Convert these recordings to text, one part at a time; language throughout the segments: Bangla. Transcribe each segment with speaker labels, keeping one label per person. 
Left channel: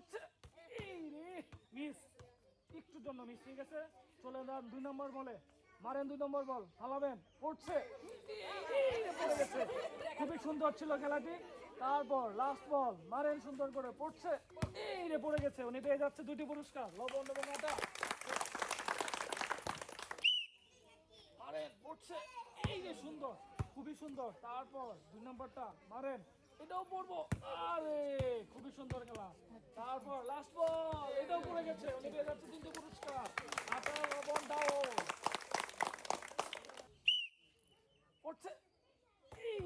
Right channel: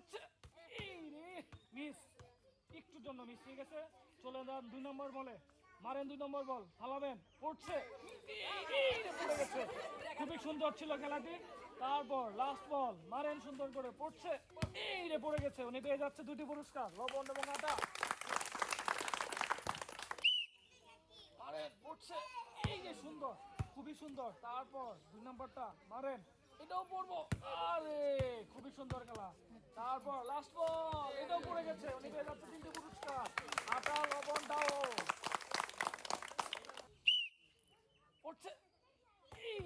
Speaker 1: রে, মিস। একটুর জন্য মিস ঠিক আছে চলে যান দুই নম্বর বলে। মারেন দুই নম্বর বল পড়ে গেছে। খুবই সুন্দর ছিল খেলাটি। তারপর লাস্ট বল মারেন সুন্দর করে, পড়ছে। এই রে, পড়ে গেছে। উনি পেয়ে যাচ্ছে দুটি পুরস্কার। লবণ এবং আটা। পড়ছে এই সুন্দর, খুবই সুন্দর। তারপর দুই নম্বরটা, মারেন। এটাও পড়ব। আরে খুবই সুন্দর খেলা তারপর লাস্ট বল এটাও পড়ে গেছে উনি পেয়ে যাচ্ছে তিনটি পুরস্কার আটা লবণ দাও পড়ছে এই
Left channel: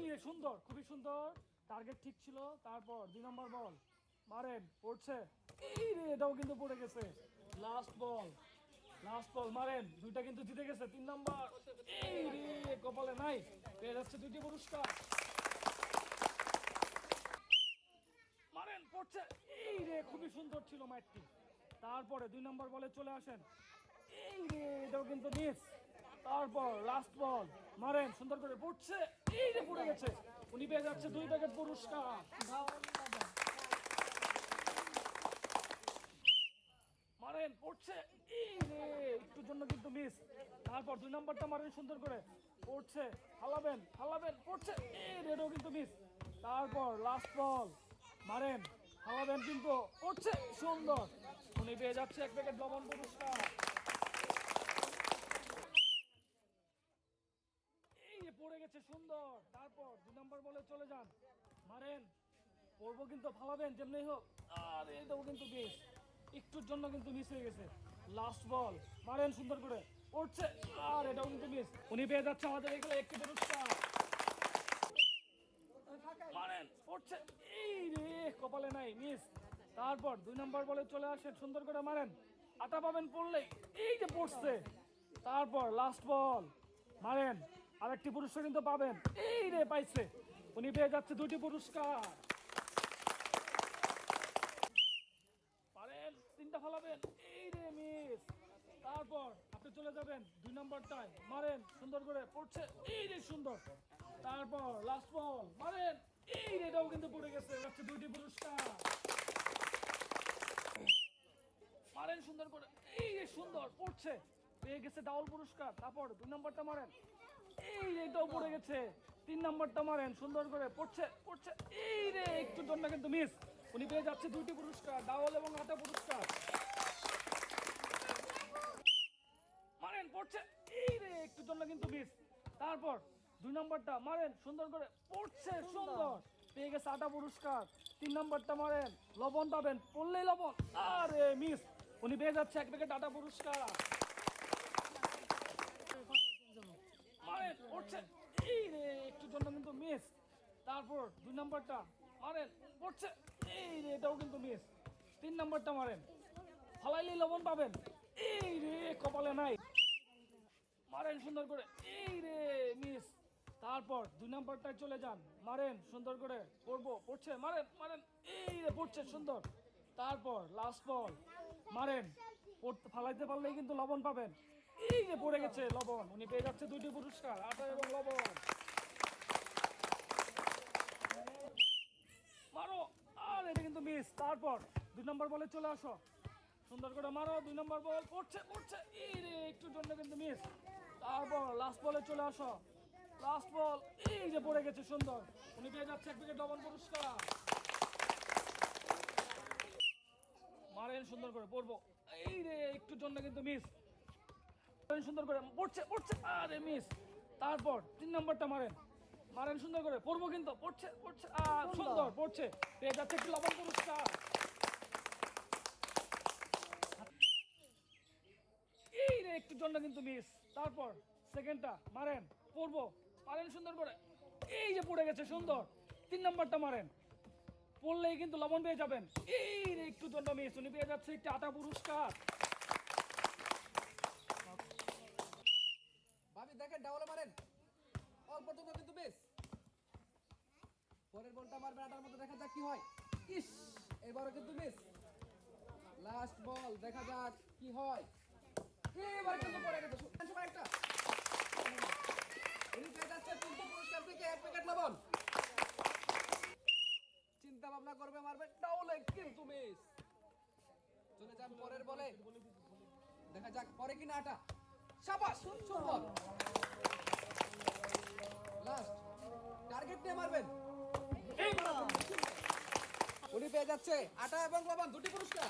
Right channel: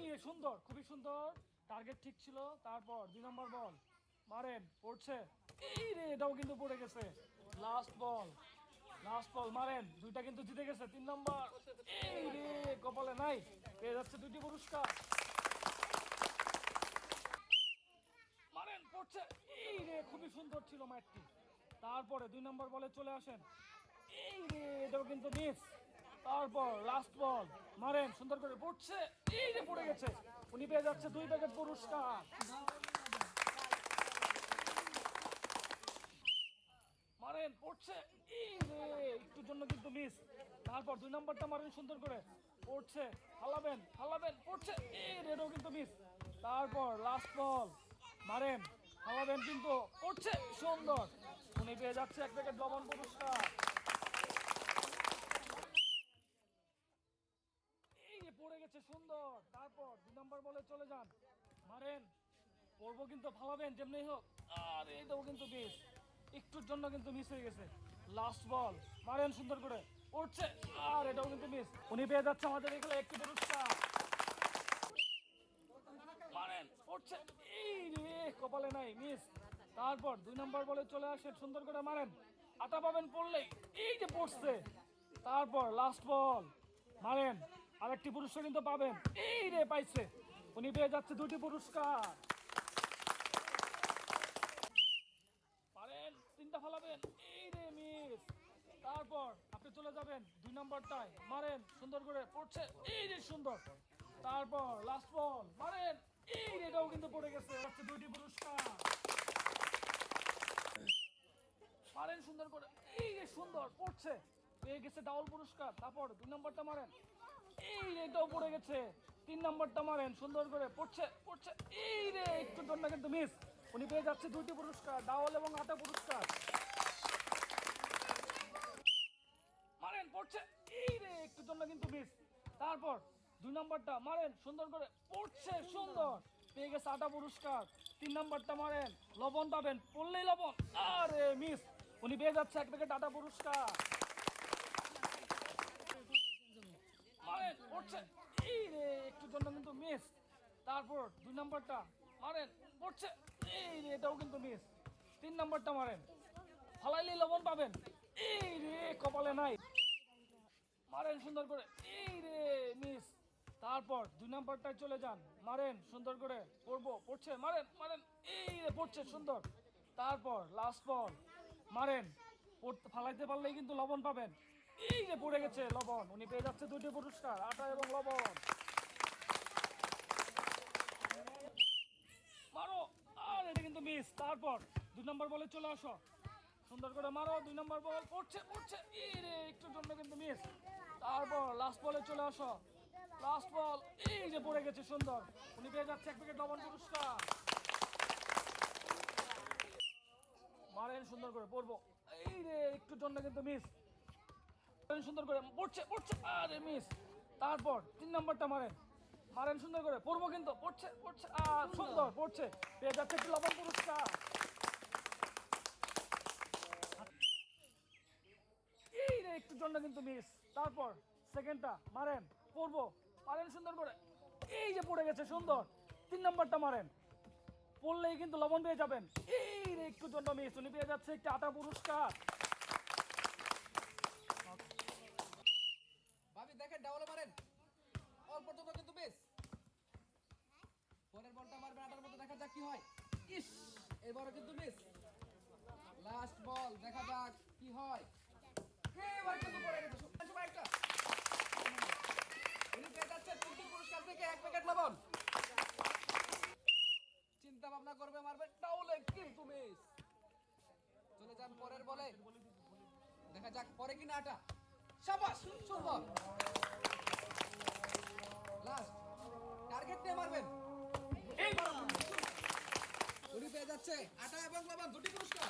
Speaker 1: যে সুন্দর, খুবই সুন্দর। টার্গেট ঠিক ছিল, তারপর দুই নম্বর বল মারেন, পড়ছে। এটাও কিন্তু পড়ে গেছে। লাস্ট বল লাস্ট বল মারেন। দুইটা কিন্তু জিতে গেছে, তিন নম্বর এই কপালে নাই। এর হচ্ছে দুটি পুরস্কার। মারেন, পড়ছে। এই রে, খুবই সুন্দর ছিল ম্যাচটি তারপরে দুই নম্বর বলে চলে আসেন। এটাও কিন্তু মিস তারপর লাস্ট বল মারেন, সুন্দর করে পড়ছে পড়ে গেছে। উনি পেয়ে যাচ্ছে দুই পুরস্কার। মারেন, পড়ছে, এই একটুর জন্য কিন্তু মিস তারপর দুই নম্বরটা মারেন সুন্দর করে। পড়ছে ফালাবেন ফালাবেন পড়ছে এটাও কিন্তু মিস তারপর লাস্ট বল মারেন। ফালাবেন কিন্তু পড়ছে সুন্দর। উনি পেয়ে যাচ্ছে এক প্যাকেট লবণ পুরস্কার। পড়ব কিন্তু, ফালাবেন, যেমনি হোক। আর কিন্তু বেশ। একটুর জন্য কিন্তু মিস গেছে। লাস্ট বল মারেন সুন্দর করে। পড়ছে আর এটাও কিন্তু উনি পেয়ে যাচ্ছে আমাদের এগুলো একটি পুরস্কার মারেন পড়ছে এই রে কপালে নাই মিস তারপর দুই নম্বর বলে চলে আসে, সুন্দর করে মারেন। আটা পাবেন পড়লেই এই যে পড়ছে। তারপর লাস্ট বল মারেন। আরেকটি পুরস্কার কিন্তু পাবেন। এই রে পাইছে। উনি পেয়ে যাচ্ছে দুটি পুরস্কার। পারেন, তিনটা ফলাবেন। এই রে মিস। তারপর আপনি চলে যাবেন দুই নম্বরটায়। মারেন, সুন্দর করে পড়ছে। এই রে সুন্দর। তারপর লাস্ট বল মারেন। এই রে এটাও কিন্তু পড়ে গেছে। দুটি পুরস্কার মারেন সুন্দর করে এই রে সুন্দর পড়ছে। পেয়ে গেছে ডাবল পুরস্কার। তারপর দুই নম্বরটা মারেন। এই এটাও পড়ে গেছে। তিন নম্বরটা মারেন। সুন্দর করে পড়ছে পড়ছে। এই রে, একটু জন্য কিন্তু মিস উনি পেয়ে যাচ্ছে দুটি পুরস্কার ডাবল এবং আটা পুরস্কার। মারেন, পড়ছে। এই রে, একটু জন্য কিন্তু মিস তারপর দুই নম্বরটা মারেন। সুন্দর করে পড়ছে, সুন্দর। পেয়ে গেছে আটা পুরস্কার। তিন নম্বরটা মারেন। লবণ পাবেন, পড়লেই লবণ। আরে মিস উনি পেয়ে যাচ্ছে এক প্যাকেট আটা পুরস্কার। একটু কিন্তু মিস তারপর দুই নম্বরটা, মারেন, পড়ছে। এই রে, এটাও কিন্তু মিস তিন নম্বরটা মারেন। ফালাইলে লবণ পাবেন। এই রে, কপালে নাই। মারেন সুন্দর করে। এই মিস তারপর দুই নাম্বারটায় চলে যান। মারেন সুন্দর করে। পড়ব, পড়ছে। মারেন মারেন। এই রে, পড়ছে সুন্দর। তারপর লাস্ট বল মারেন। ফালাইতে পারলেই কিন্তু লবণ পাবেন। এই যে পড়ে গেছে লবণ, উনি পেয়ে যাচ্ছে দুটি পুরস্কার, আটা এবং লবণ। মারো। আর এটা কিন্তু মিস তারপর, দুই নম্বর বলে চলে আসো। সুন্দর করে মারো, দুই নম্বর বল পড়ছে পড়ছে। একটু জন্য কিন্তু মিস তারপর লাস্ট বলে চলে আসো। লাস্ট বল এই যে পড়ে গেছে সুন্দর। উনি পেয়ে যাচ্ছে এক প্যাকেট লবণ পুরস্কার মারেন সুন্দর করে পড়ব এই রে একটু জন্য কিন্তু মিস সুন্দর করে, পড়ছে পড়ছে। আরে মিস তারপর তিন নম্বরটা মারেন। মারেন সুন্দর করে পড়ব কিন্তু, পড়ছে পড়ছে। আর সুন্দর, পড়ছে। পেয়ে যাচ্ছে একটু লবণ পুরস্কার। এই রে একটু জন্য কিন্তু মিস তারপর সেকেন্ডটা মারেন পড়ব মারেন সুন্দর করে। এই যে পড়ে গেছে, সুন্দর। তিন নম্বরটা মারেন। পড়লেই কিন্তু লবণ পেয়ে যাবেন। এই একটু জন্য মিস উনি পেয়ে যাচ্ছে একটি আটা পুরস্কার।
Speaker 2: ভাবি, দেখেন ডাবলে মারেন। অল্প পর্যন্ত কিন্তু বেশ। পরের বলটা মারবে আটার মতো, দেখা যাক কি হয়। ইস, এবারও কিন্তু মিস লাস্ট বল দেখা যাক কি হয়। এবার কিন্তু পড়ে গেছে। একটা। উনি পেয়ে যাচ্ছে তিনটে পুরস্কার থেকে এক প্যাকেট লবণ চিন্তা ভাবনা করবে মারবে ডাবলে কিন্তু মিস চান পরের বলে। দেখা যাক, পরে কিনা আটা সাবাস, সুন্দর। লাস্ট টার্গেট নিয়ে মারবেন। উনি পেয়ে যাচ্ছে। আটা এবং লবণ, দুটি পুরস্কার।